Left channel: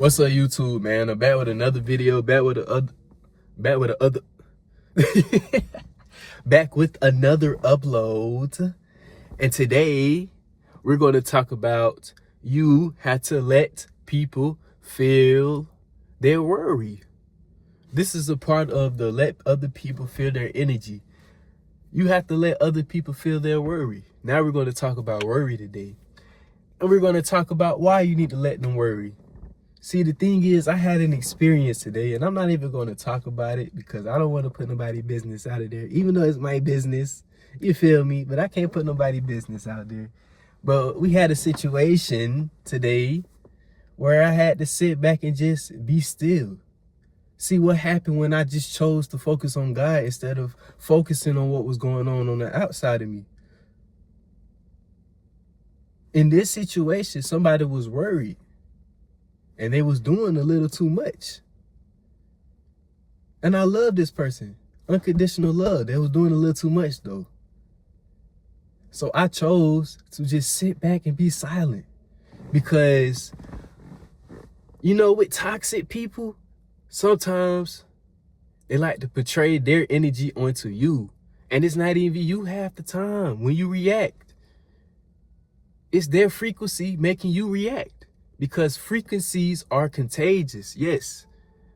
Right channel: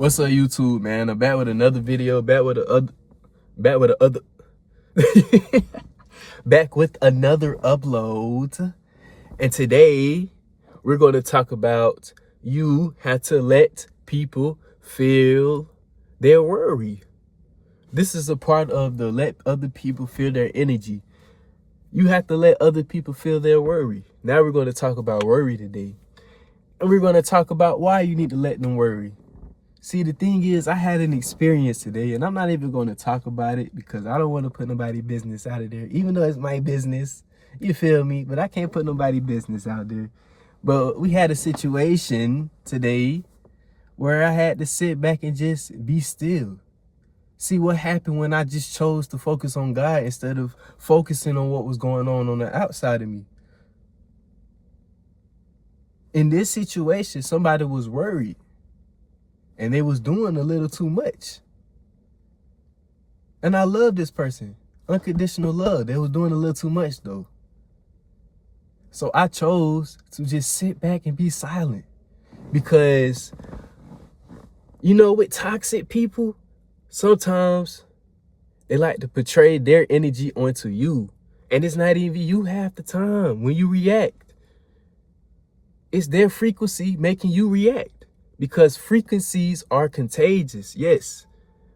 What's up, YouTube, man? I'm back with another video, back with another upload. And today we're going to talk about you have to let people feel their worry. This is a part of the let other people feel their energy. You have to let other people feel their worry. Now we're going to talk about worry today. And we're going to talk about why you need to let them worry. See, the thing is, I had an experience today, and I'm not even going to talk about it because I don't want to put nobody's business out of there, even though it's my business. You feel me? But I can't put nobody's business out there. But we had a situation today where I had to sit back and just be still. See what happened when I just chose to focus on God instead of focusing on what was going on the outside of me. In this situation, somebody was worried. And they was doing a little too much. And I love this person. Unconditional love. They was doing a little too much though. So I chose to just sit back and be silent. Because, you know, with toxic people, sometimes they like to portray their energy onto you. And it's not even you half the time when you react. It's their frequency making you react. Because frequencies are contagious. Yes.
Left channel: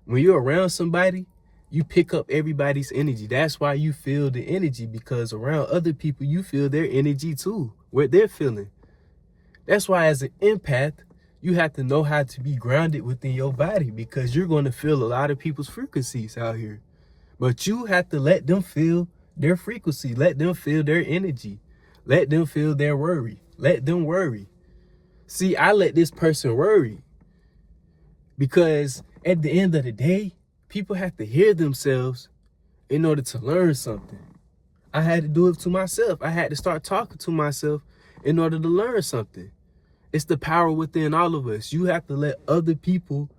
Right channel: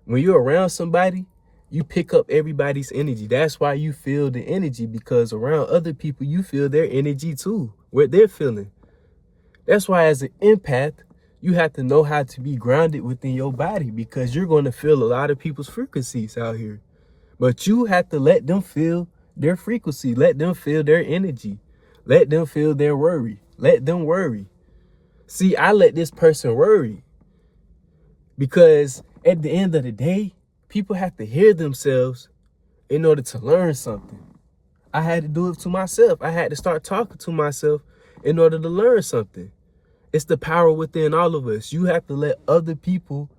When you're around somebody, you pick up everybody's energy. That's why you feel the energy, because around other people, you feel their energy too, what they're feeling. That's why as an empath, you have to know how to be grounded within your body, because you're going to feel a lot of people's frequencies out here. But you have to let them feel their frequency. Let them feel their energy. Let them feel their worry. Let them worry. See, I let this person worry because at the end of the day, people have to hear themselves in order to learn something. I had to do it to myself. I had to start talking to myself in order to learn something. It's the power within all of us. You have to let other people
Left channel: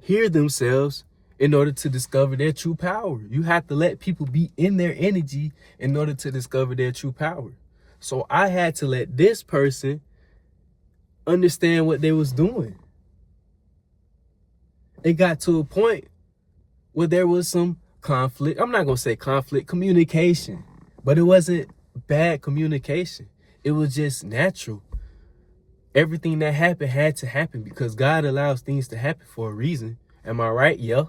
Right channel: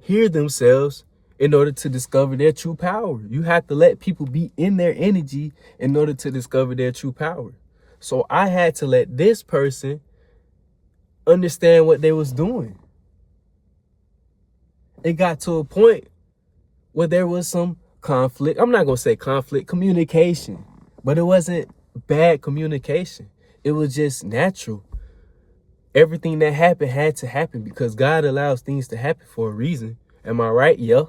hear themselves in order to discover their true power. You have to let people be in their energy in order to discover their true power. So I had to let this person understand what they was doing. It got to a point where there was some conflict. I'm not going to say conflict, communication. But it wasn't bad communication. It was just natural. Everything that happened had to happen because God allows things to happen for a reason. Am I right? Yeah.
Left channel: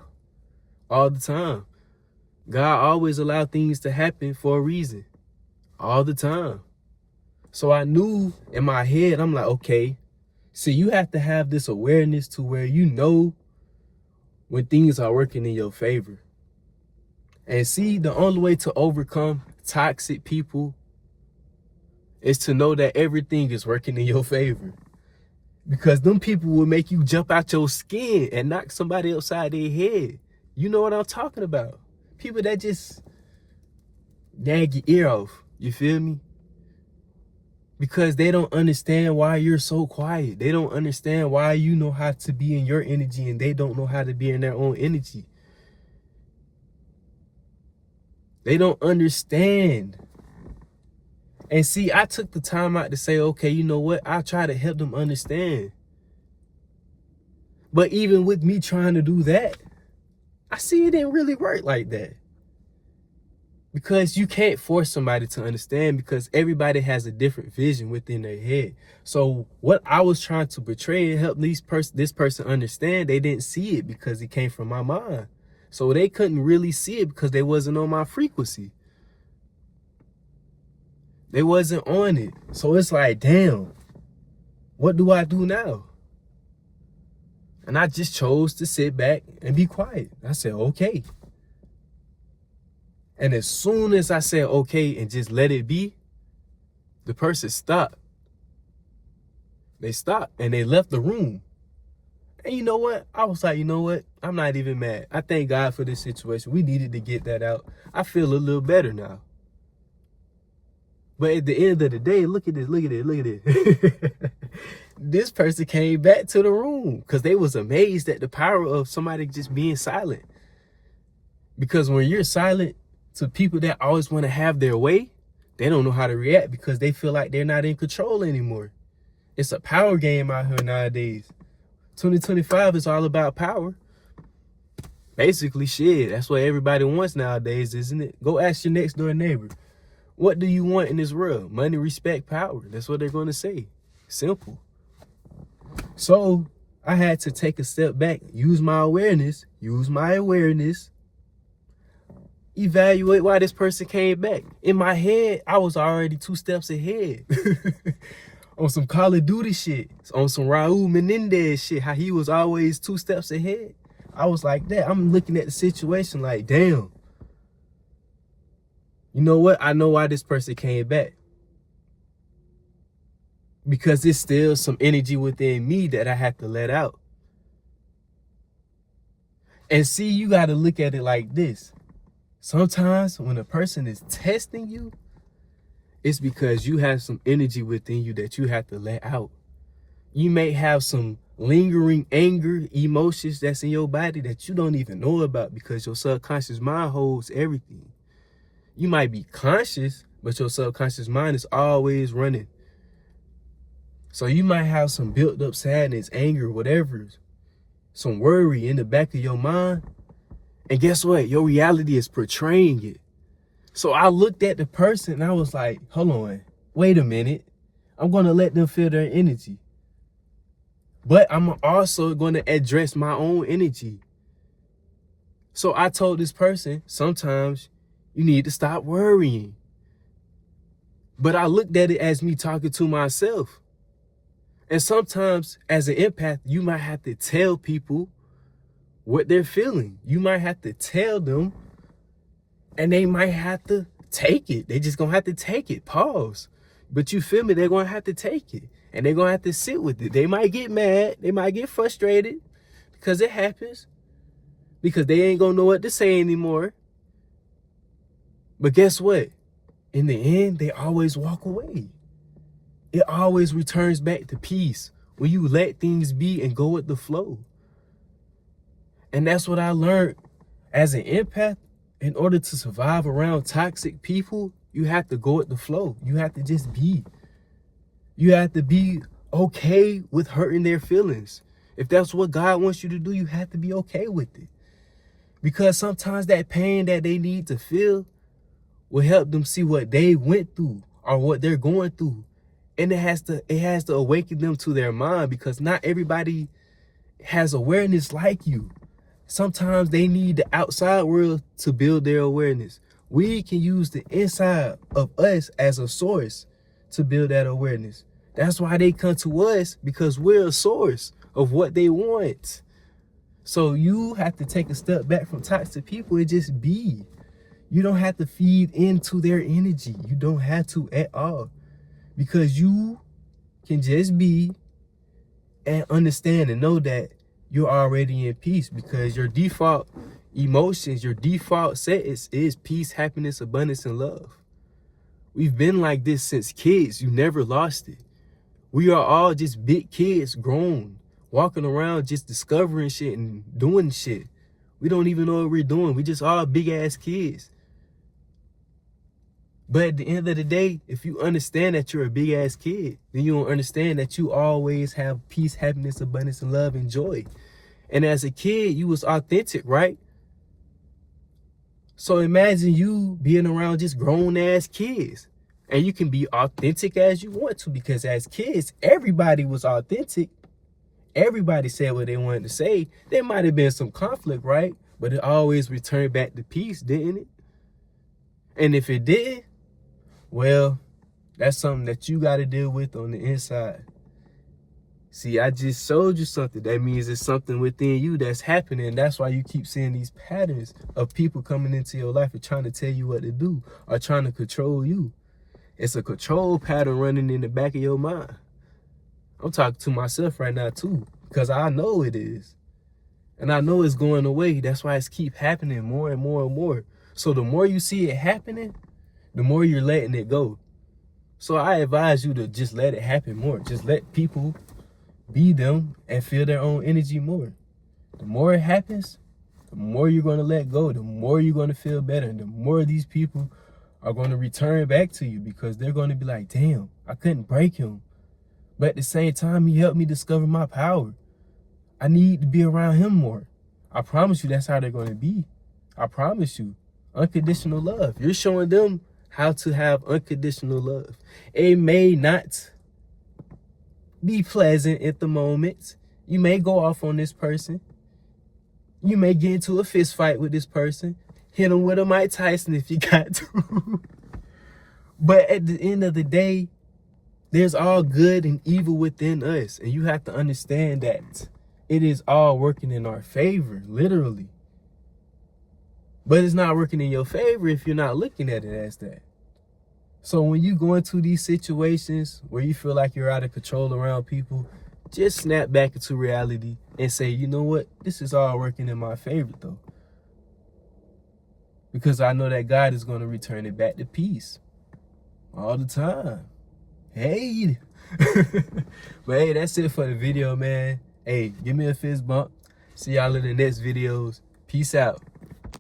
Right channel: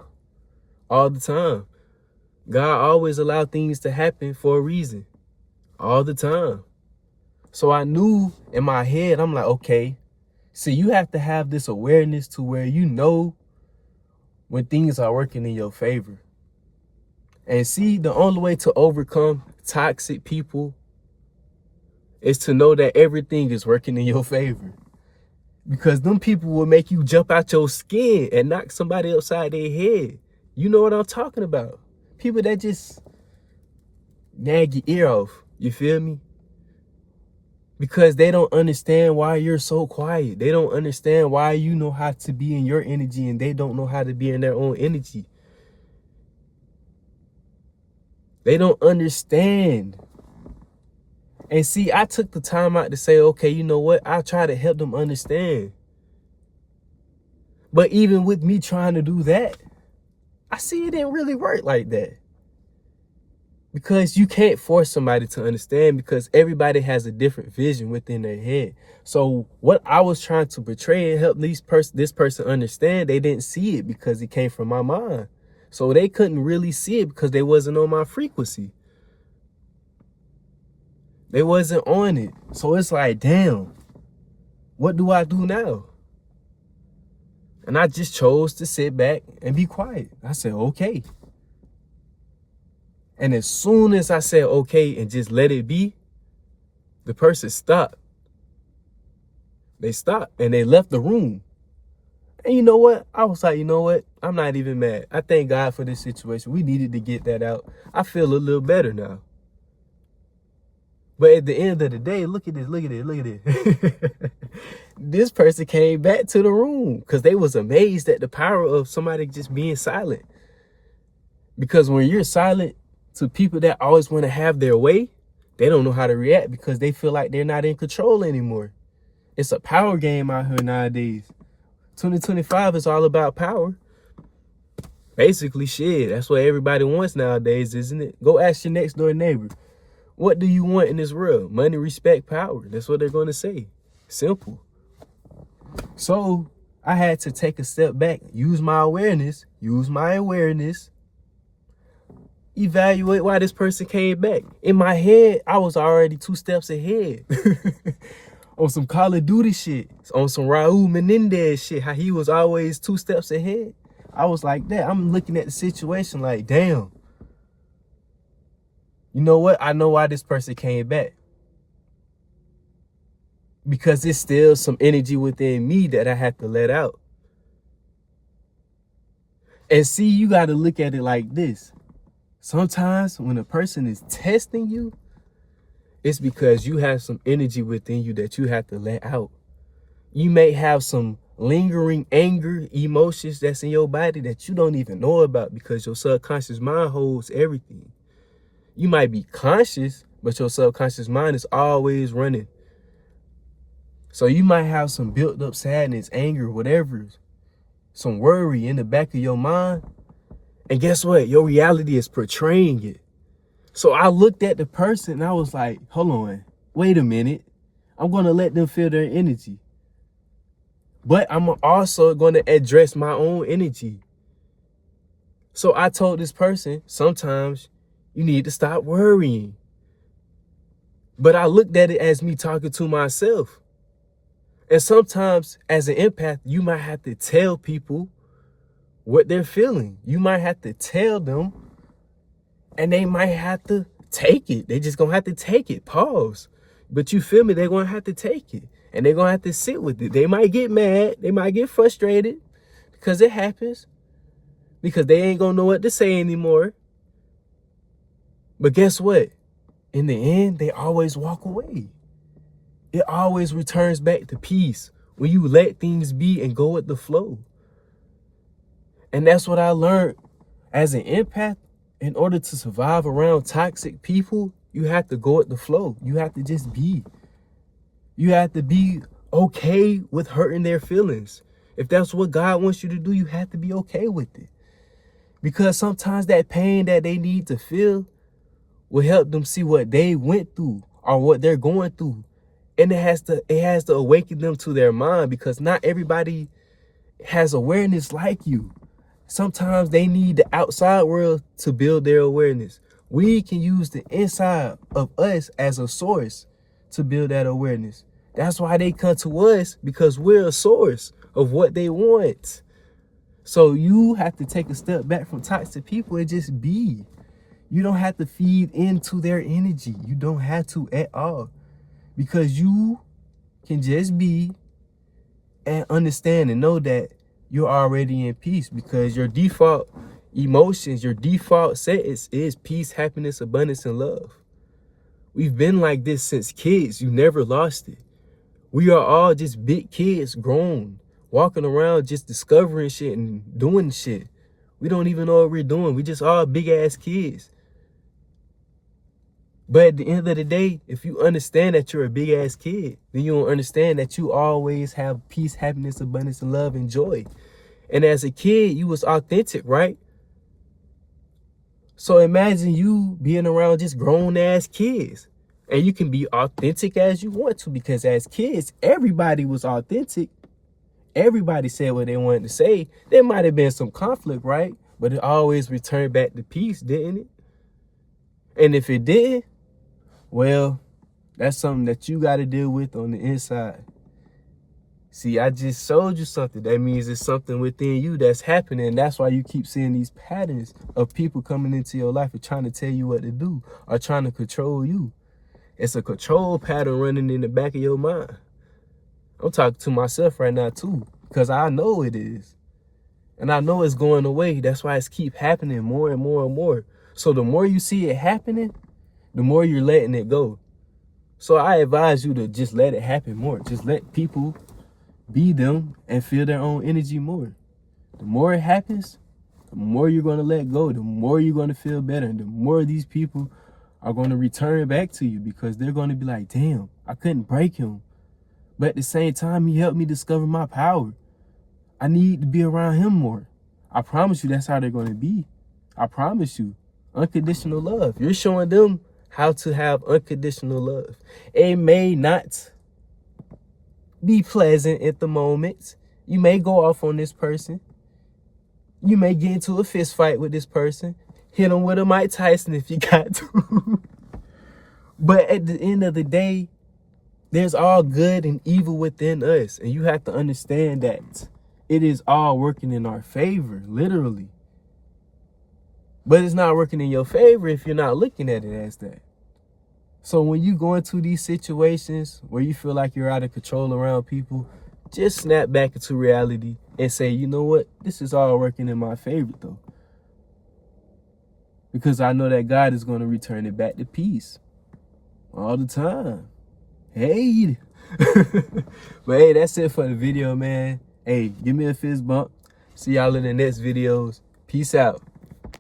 All the time. God always allowed things to happen for a reason. All the time. So I knew in my head, I'm like, okay. See, you have to have this awareness to where you know when things are working in your favor. And see, the only way to overcome toxic people is to know that everything is working in your favor. Because them people will make you jump out your skin and knock somebody upside their head. You know what I'm talking about. People that just nag your ear off. You feel me? Because they don't understand why you're so quiet. They don't understand why you know how to be in your energy and they don't know how to be in their own energy. They don't understand. And see, I took the time out to say, okay, you know what? I try to help them understand. But even with me trying to do that, I see it didn't really work like that. Because you can't force somebody to understand because everybody has a different vision within their head. So what I was trying to portray and help this person understand, they didn't see it because it came from my mind. So they couldn't really see it because they wasn't on my frequency. They wasn't on it. So it's like, damn, what do I do now? And I just chose to sit back and be quiet. I said, okay. And as soon as I said, okay, and just let it be, the person stopped. They stopped and they left the room. And you know what? I was like, you know what? I'm not even mad. I thank God for this situation. We needed to get that out. I feel a little better now. But at the end of the day, look at this, look at this, look at this. This person came back to the room because they was amazed at the power of somebody just being silent. Because when you're silent, to people that always want to have their way, they don't know how to react because they feel like they're not in control anymore. It's a power game out here nowadays. 2025 is all about power. Basically, shit, that's what everybody wants nowadays, isn't it? Go ask your next door neighbor, what do you want in this world? Money, respect, power. That's what they're going to say. Simple. So I had to take a step back, use my awareness, evaluate why this person came back. In my head, I was already 2 steps ahead. On some Call of Duty shit, on some Raul Menendez shit, how he was always 2 steps ahead. I was like that. I'm looking at the situation like, damn. You know what? I know why this person came back. Because it's still some energy within me that I have to let out. And see, you got to look at it like this. Sometimes when a person is testing you, it's because you have some energy within you that you have to let out. You may have some lingering anger, emotions that's in your body that you don't even know about because your subconscious mind holds everything. You might be conscious, but your subconscious mind is always running. So you might have some built up sadness, anger, whatever, some worry in the back of your mind. And guess what? Your reality is portraying it. So I looked at the person and I was like, hold on, wait a minute. I'm going to let them feel their energy. But I'm also going to address my own energy. So I told this person, sometimes you need to stop worrying. But I looked at it as me talking to myself. And sometimes as an empath, you might have to tell people what they're feeling. You might have to tell them and they might have to take it. They just gonna have to take it, pause. But you feel me? They're gonna have to take it and they're gonna have to sit with it. They might get mad. They might get frustrated because it happens, because they ain't gonna know what to say anymore. But guess what? In the end, they always walk away. It always returns back to peace when you let things be and go with the flow. And that's what I learned as an empath. In order to survive around toxic people, you have to go with the flow. You have to just be. You have to be okay with hurting their feelings. If that's what God wants you to do, you have to be okay with it. Because sometimes that pain that they need to feel will help them see what they went through or what they're going through. And it has to awaken them to their mind, because not everybody has awareness like you. Sometimes they need the outside world to build their awareness. We can use the inside of us as a source to build that awareness. That's why they come to us, because we're a source of what they want. So you have to take a step back from toxic people and just be. You don't have to feed into their energy. You don't have to at all. Because you can just be and understand and know that you're already in peace, because your default emotions, your default settings is peace, happiness, abundance, and love. We've been like this since kids. You never lost it. We are all just big kids, grown, walking around just discovering shit and doing shit. We don't even know what we're doing. We just all big ass kids. But at the end of the day, if you understand that you're a big ass kid, then you'll understand that you always have peace, happiness, abundance, and love and joy. And as a kid, you was authentic, right? So imagine you being around just grown ass kids, and you can be authentic as you want to, because as kids, everybody was authentic. Everybody said what they wanted to say. There might have been some conflict, right? But it always returned back to peace, didn't it? And if it did, well, that's something that you got to deal with on the inside. See, I just showed you something. That means it's something within you that's happening. That's why you keep seeing these patterns of people coming into your life and trying to tell you what to do or trying to control you. It's a control pattern running in the back of your mind. I'm talking to myself right now too, because I know it is. And I know it's going away. That's why it's keep happening more and more and more. So the more you see it happening, the more you're letting it go. So I advise you to just let it happen more. Just let people be them and feel their own energy more. The more it happens, the more you're going to let go, the more you're going to feel better. The more these people are going to return back to you, because they're going to be like, damn, I couldn't break him. But at the same time, he helped me discover my power. I need to be around him more. I promise you that's how they're going to be. I promise you. Unconditional love. You're showing them how to have unconditional love. It may not be pleasant at the moment. You may go off on this person. You may get into a fist fight with this person. Hit him with a Mike Tyson if you got to. But at the end of the day, there's all good and evil within us. And you have to understand that it is all working in our favor, literally. But it's not working in your favor if you're not looking at it as that. So when you go into these situations where you feel like you're out of control around people, just snap back into reality and say, you know what? This is all working in my favor, though. Because I know that God is going to return it back to peace all the time. Hey. But hey, that's it for the video, man. Hey, give me a fist bump. See y'all in the next videos. Peace out.